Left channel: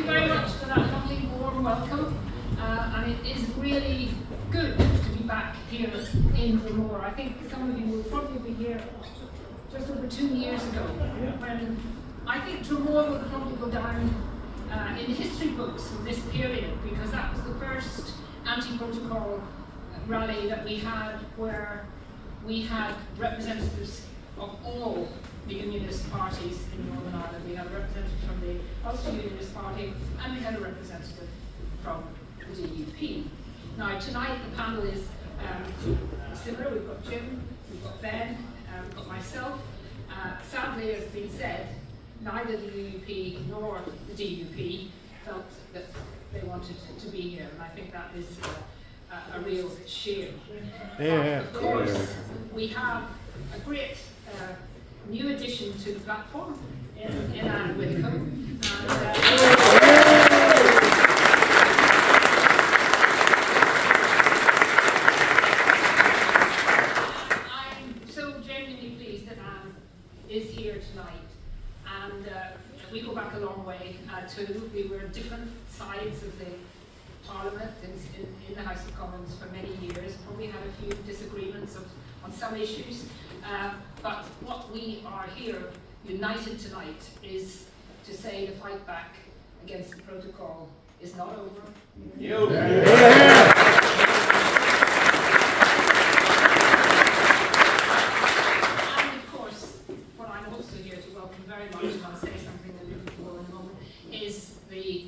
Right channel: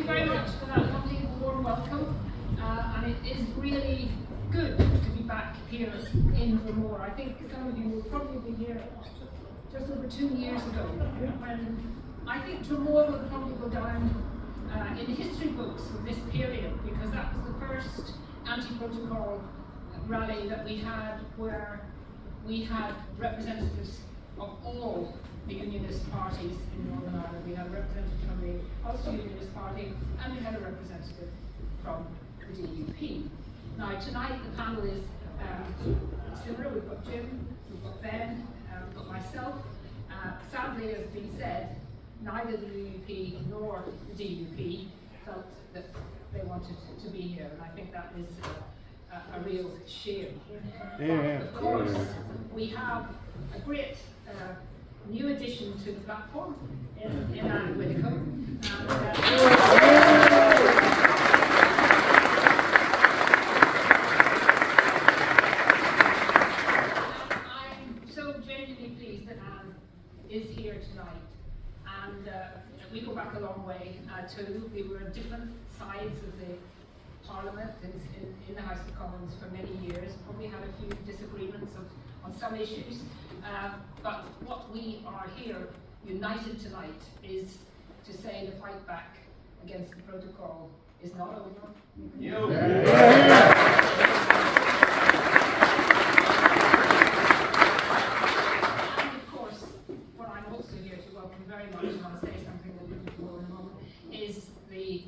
you very much for that lovely warm welcome. And it is really good to be back here in Dromore. I think some of you will probably be here just over 2 years ago, when I think Dromore will probably go down in the history books of this period, because that was the first anti-protocol rally that we had, where we had representatives of all the unionist parties in Northern Ireland. We had a representative from the Ulster Unionist Party, and we had a representative from the DUP. Now tonight the panel is similar. We've got Jim, we've got Ben, we've got myself. Sadly, as has been said, neither the UUP nor the DUP felt that they wanted to be here, and I think that is a real shame. Yeah. Of course, we have a great new addition to the platform in Anne Widdicombe. I'm so genuinely pleased that Anne is here tonight, and we go back a long way we were on different sides of the Parliament in the House of Commons for many years. Probably had a few disagreements on some issues, but what we are here united tonight is to say the fight back against the protocol is not over. And of course, what I'm also here to welcome very much, and I'll say something a little bit more in a moment, is the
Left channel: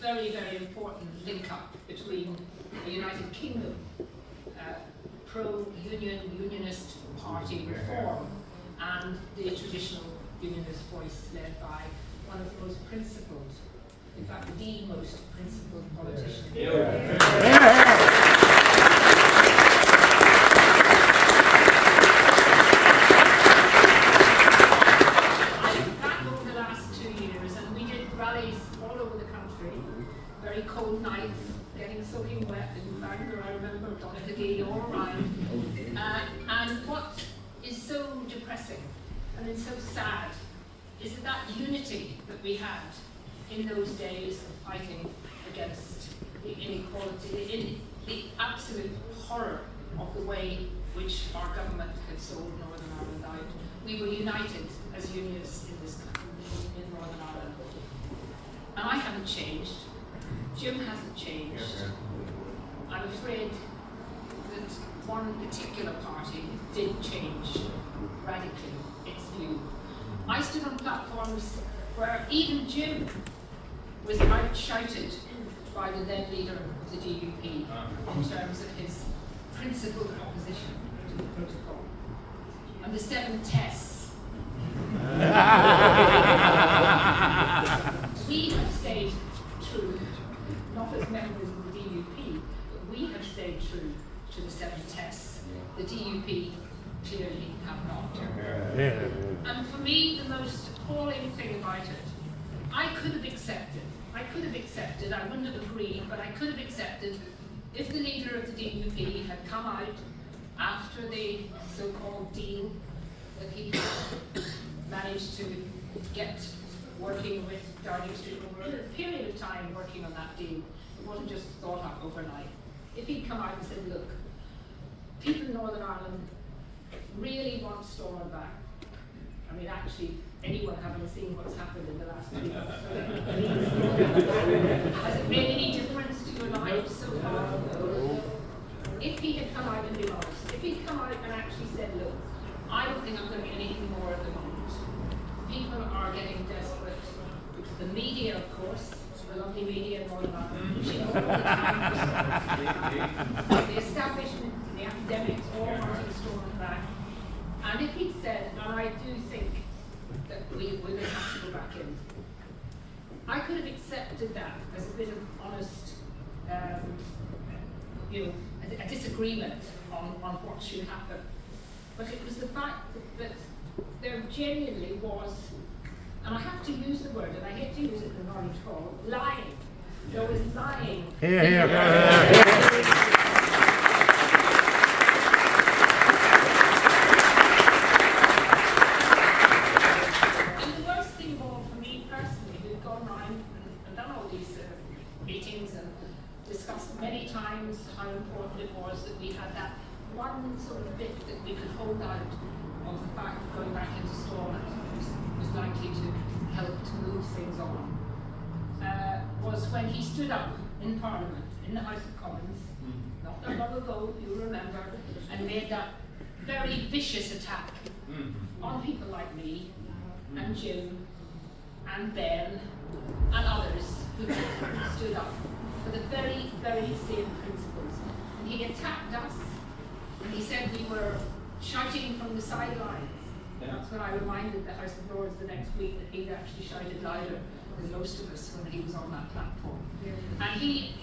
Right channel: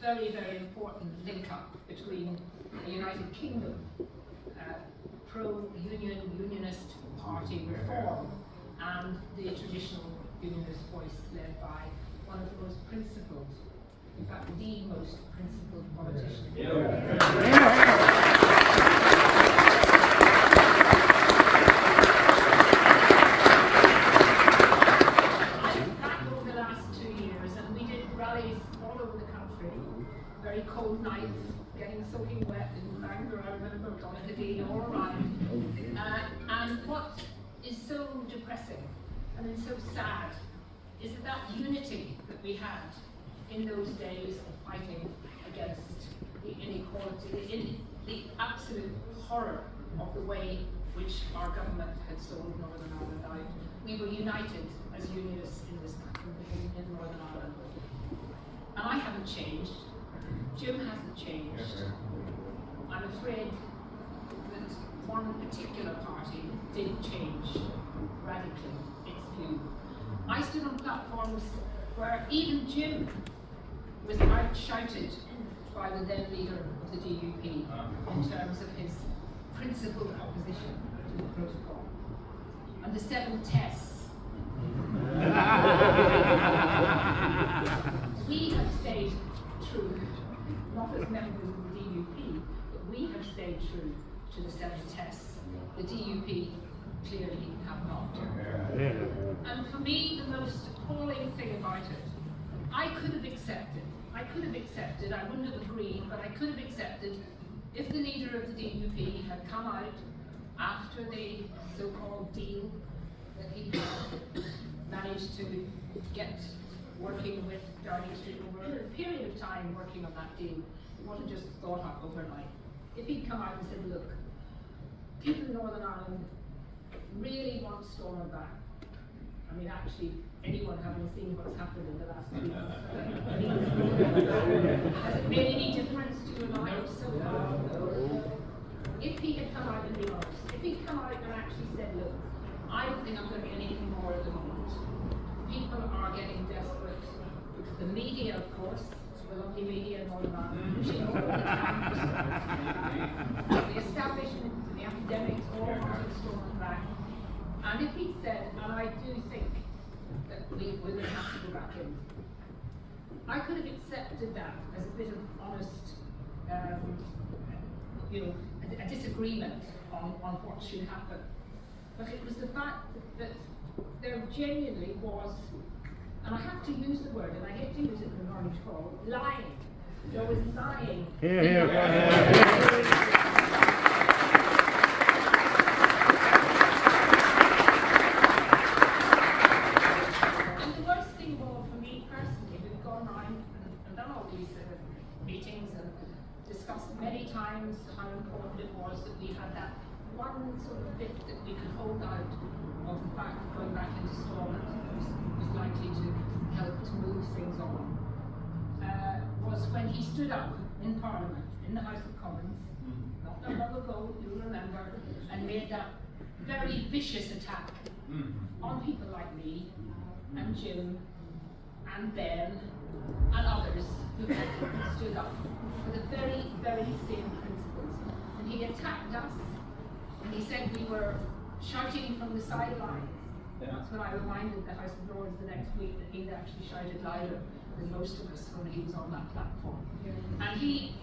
very, very important link-up between the United Kingdom pro-union, unionist party reform and the traditional unionist voice led by one of the most principled, in fact the most principled politician. I look back over the last 2 years, and we did rallies all over the country, very cold nights, getting soaking wet in Bangor, I remember, Donaghadee, all around. And what is so depressing and is so sad is that unity that we had in those days of fighting against the inequality, the absolute horror of the way which our government had sold Northern Ireland out. We were united as unionists in this country, in Northern Ireland. And I haven't changed. Jim hasn't changed. I'm afraid that one particular party did change radically its view. I stood on platforms where even Jim was out-shouted by the then leader of the DUP in terms of his principled opposition to the protocol. And the 7 tests. We have stayed true, not as members of the DUP, but we have stayed true to the 7 tests. The DUP clearly have not. And for me, the most appalling thing about it, I could have accepted, I wouldn't have agreed, but I could have accepted if the leader of the DUP had come out after the so-called deal that he had managed to get working with Downing Street over a period of time, working on that deal. It wasn't just thought up overnight. If he'd come out and said, look, people in Northern Ireland really want Stormont back. I mean, actually, anyone having seen what's happened in the last 2 months, has it made any difference to your lives so far? If he had come out and been honest, if he'd come out and actually said, look, I don't think I'm going to be anything more at the moment. People are getting desperate. The media, of course, the lovely media in Northern Ireland, pushing all the time. The establishment, the academics, all wanting Stormont back. And if he'd said, and I do think that we're going to have to go back in, I could have accepted that as a bit of honest, a disagreement on what should happen. But it was the fact that there genuinely was, and I have to use the word, and I hate to use it in Orange Hall, lying. There was lying. And the worst thing of all for me personally, who've gone around and done all meetings and discussed many times how important it was that we had that one sort of bit that we could hold out of the fact that going back into Stormont was likely to help to move things on, was when he stood up in Parliament, in the House of Commons, not that long ago, you remember, and made that very vicious attack on people like me, and Jim, and Ben, and others who stood up for the very, very same principles. And he attacked us, and he said we were shouting from the sidelines. That's when I reminded the House of Lords the next week that he'd actually shouted louder than most of us when he was on that platform. And he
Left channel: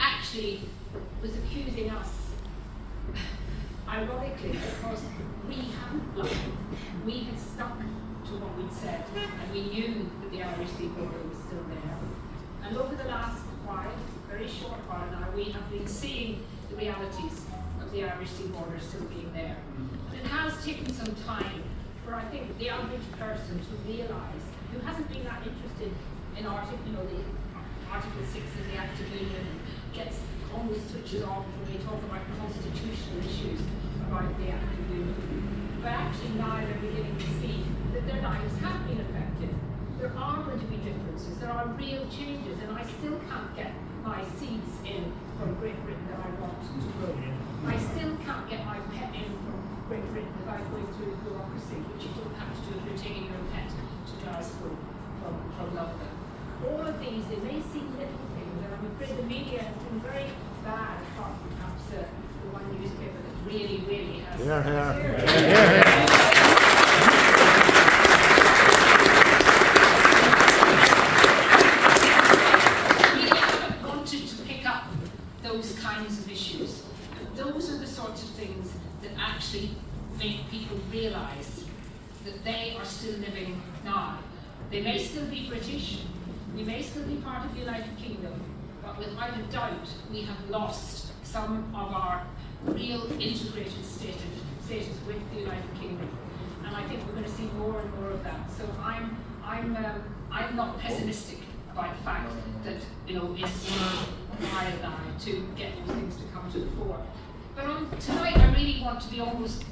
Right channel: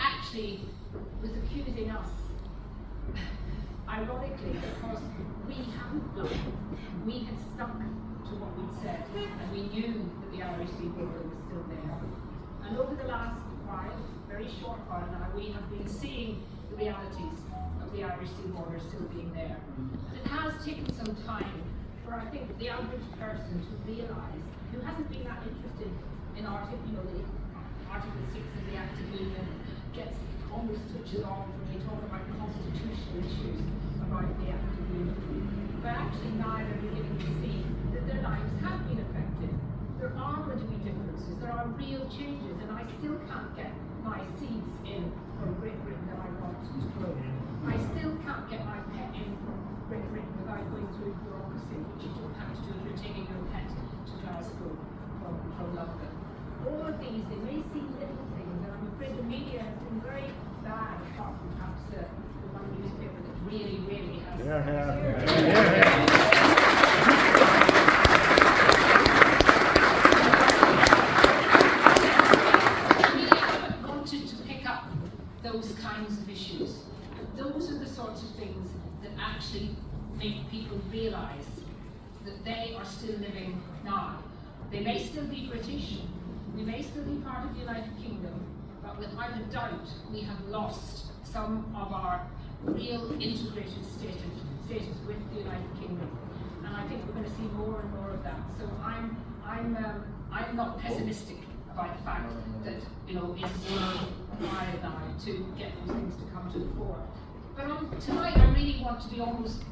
actually was accusing us, ironically, because we hadn't lied. We had stuck to what we'd said, and we knew that the Irish Sea border was still there. And over the last while, very short while now, we have been seeing the realities of the Irish Sea border still being there. And it has taken some time for, I think, the average person to realise, who hasn't been that interested in the Article 6 of the Act of Union, gets almost switches off when we talk about constitutional issues about the Act of Union. But actually now they're beginning to see that their lives have been affected. There are going to be differences, there are real changes, and I still can't get my seeds in from Great Britain that I want to grow. I still can't get my pet in from Great Britain without going through bureaucracy, which you don't have to do if you're taking your pet to Glasgow from London. All of these, they may seem little things, and I'm afraid the media has been very bad, apart from perhaps the one newspaper that really, really has. We haven't wanted to pick up those kinds of issues. Those are the sorts of things that actually make people realise that they are still living now. They may still be British, we may still be part of the United Kingdom, but without a doubt we have lost some of our real integrated status with the United Kingdom. And I think we're going to see more and more of that. So I'm not pessimistic about the fact that it is a while now to get those things to come to the fore. But tonight I really want to be almost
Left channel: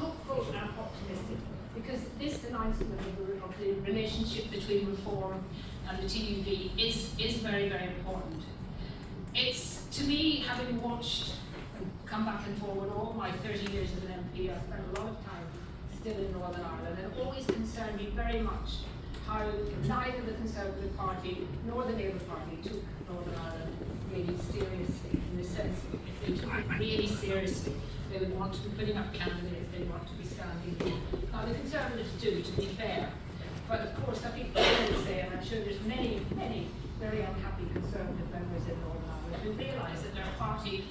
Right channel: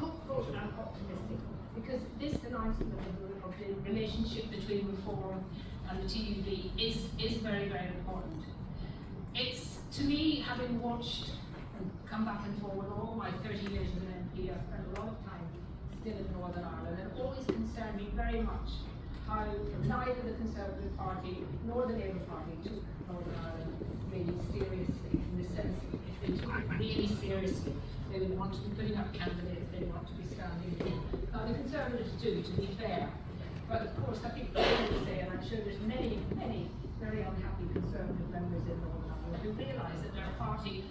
hopeful and optimistic, because this announcement of the relationship between reform and the TUV is very, very important. It's, to me, having watched and come back and forward all my 30 years as an MP, I've spent a lot of time still in Northern Ireland, and it always concerned me very much how neither the Conservative Party nor the Labour Party took Northern Ireland really seriously, in the sense that if they took it really seriously, they would want to be putting up candidates, they want to be standing in. Now the Conservatives do, to be fair, but of course I think they would say, and I'm sure there's many, many very unhappy Conservative members in Northern Ireland who realise that their party,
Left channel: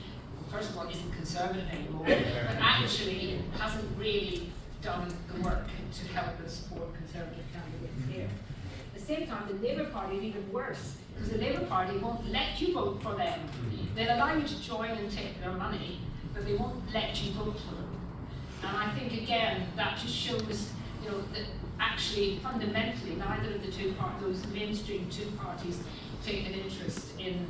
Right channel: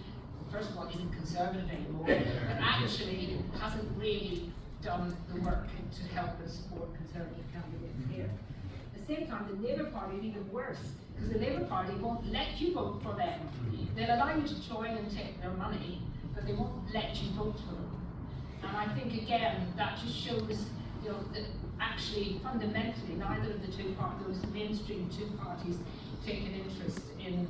first of all, isn't Conservative anymore, but actually hasn't really done the work to help and support Conservative candidates here. At the same time, the Labour Party is even worse, because the Labour Party won't let you vote for them. They'll allow you to join and take their money, but they won't let you vote for them. And I think, again, that just shows that actually, fundamentally, neither of the those mainstream two parties take an interest in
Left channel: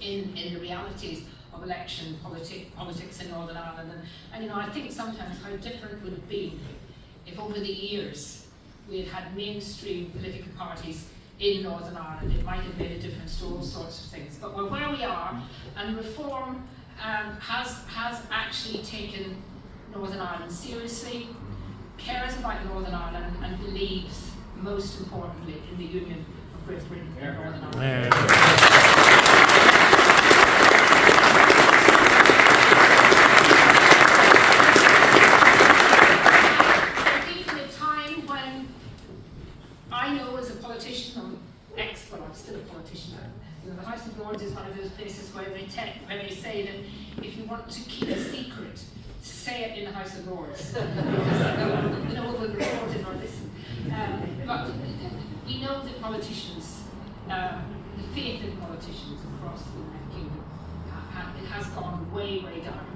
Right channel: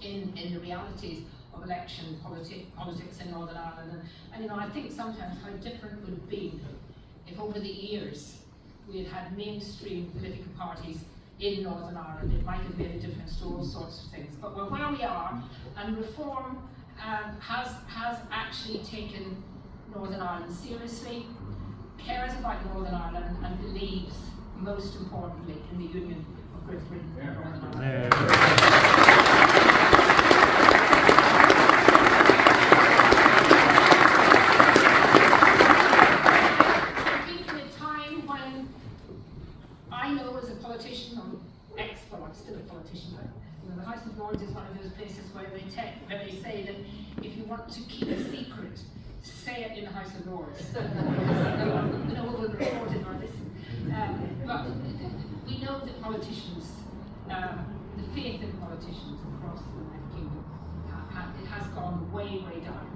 the realities of election politics in Northern Ireland. And I think sometimes how different would it be if over the years we had had mainstream political parties in Northern Ireland. It might have made a difference to all sorts of things. But we're where we are, and reform has actually taken Northern Ireland seriously, cares about Northern Ireland, and believes, most importantly, in the union of Great Britain and Northern Ireland. I think in a time when I know as a politician, I'm still a politician, the House of Lords is one of those places where they say that if you want to keep a secret, say it in the House of Lords. No one will report it or listen. But we know that politicians, the faith in politicians across the United Kingdom, it has gone way, way down.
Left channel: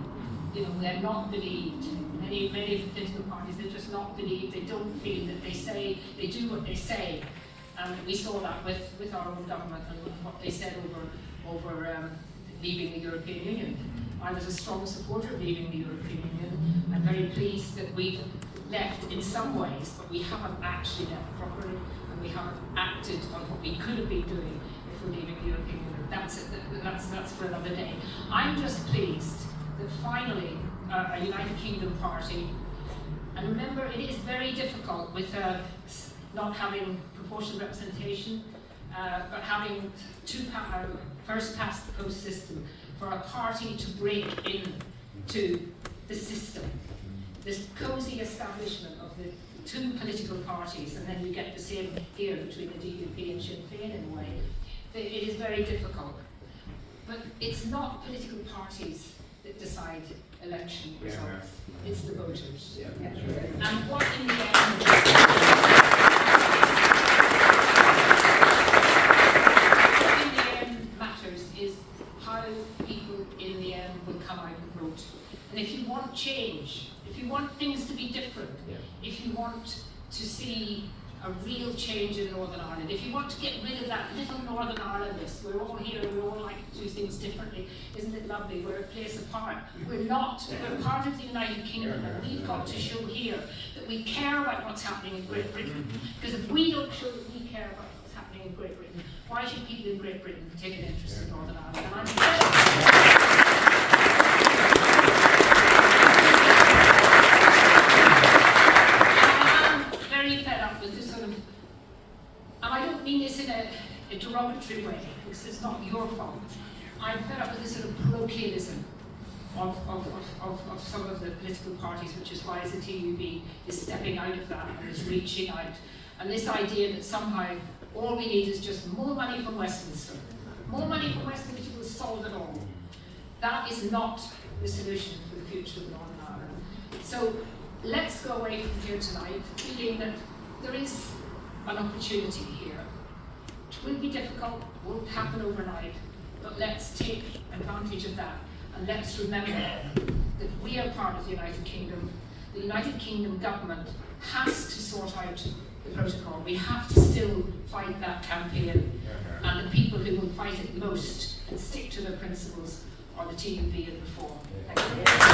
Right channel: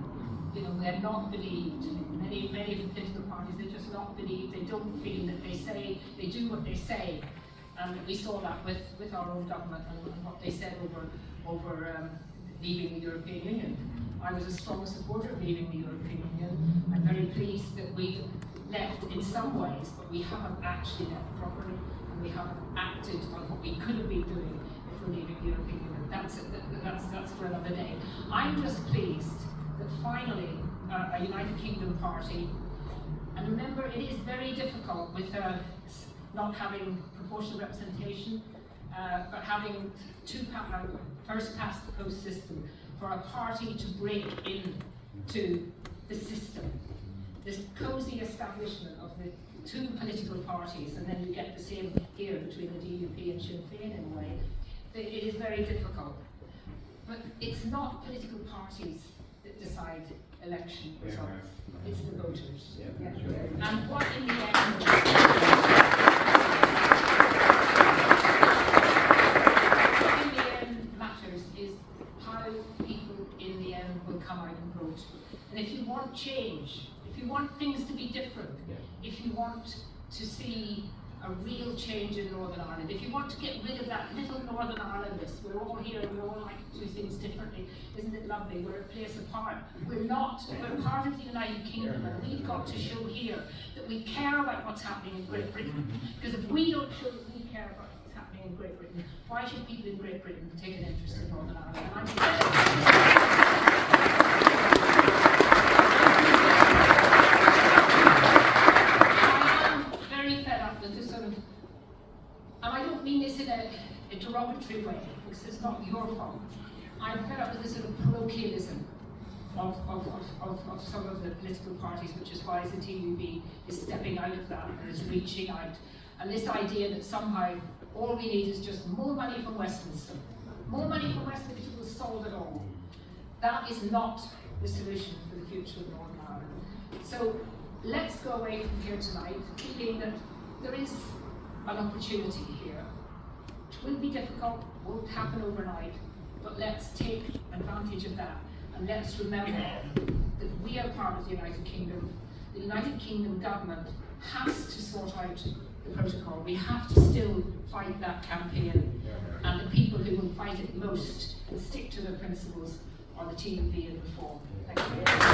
They're not believed. Many of the political parties, they're just not believed. They don't feel that they do what they say. And we saw that with our own government and what they said over leaving the European Union. I was a strong supporter of leaving the European Union. I'm very pleased that we've left in some ways, but we haven't actually left properly, and we haven't acted on what we could have been doing if we're leaving the European Union. That's for another day. I'm just pleased that finally a United Kingdom party, and remember it is very difficult with not having proportional representation, but having first past the post system, for a party to break into the system, this cosy establishment of the two political parties, and then you get the same here between the DUP and Sinn Féin in a way. It is very difficult. But it's not political parties that decide election results, it's the voters. Yeah. And what in the end matters is how people in the end will come out and vote. And if you want change, if you want things to be different, if you want to see a real change in Northern Ireland, if you want to get rid of that little Northern Irelandness, we're all here and we all like to do things differently, isn't it lovely? We're a place apart. We're not, we're part of the United Kingdom, and we've got to show here that we care about what's happening in Great Britain. Because if we don't show that we care about what's happening in Great Britain, why should people in Great Britain take an interest in Northern Ireland? A derogatory way, because it's not your fault. I'm fed up with this sort of parochialism of some of the political parties, which is why the TUB is stepping out of that and is reaching out. And this idea that somehow all we need is just more money from Westminster. More money from Westminster will solve it all. That is not the solution for the future of Northern Ireland. So let's go away from here tonight feeling that there is an opportunity here. It will be difficult, won't happen overnight, but let's take advantage of that, and let's remember that we are part of the United Kingdom. The United Kingdom government has to sort out the protocol. We have to still fight that campaign, and the people who will fight it most and stick to their principles are the TUB and Reform. Thank you.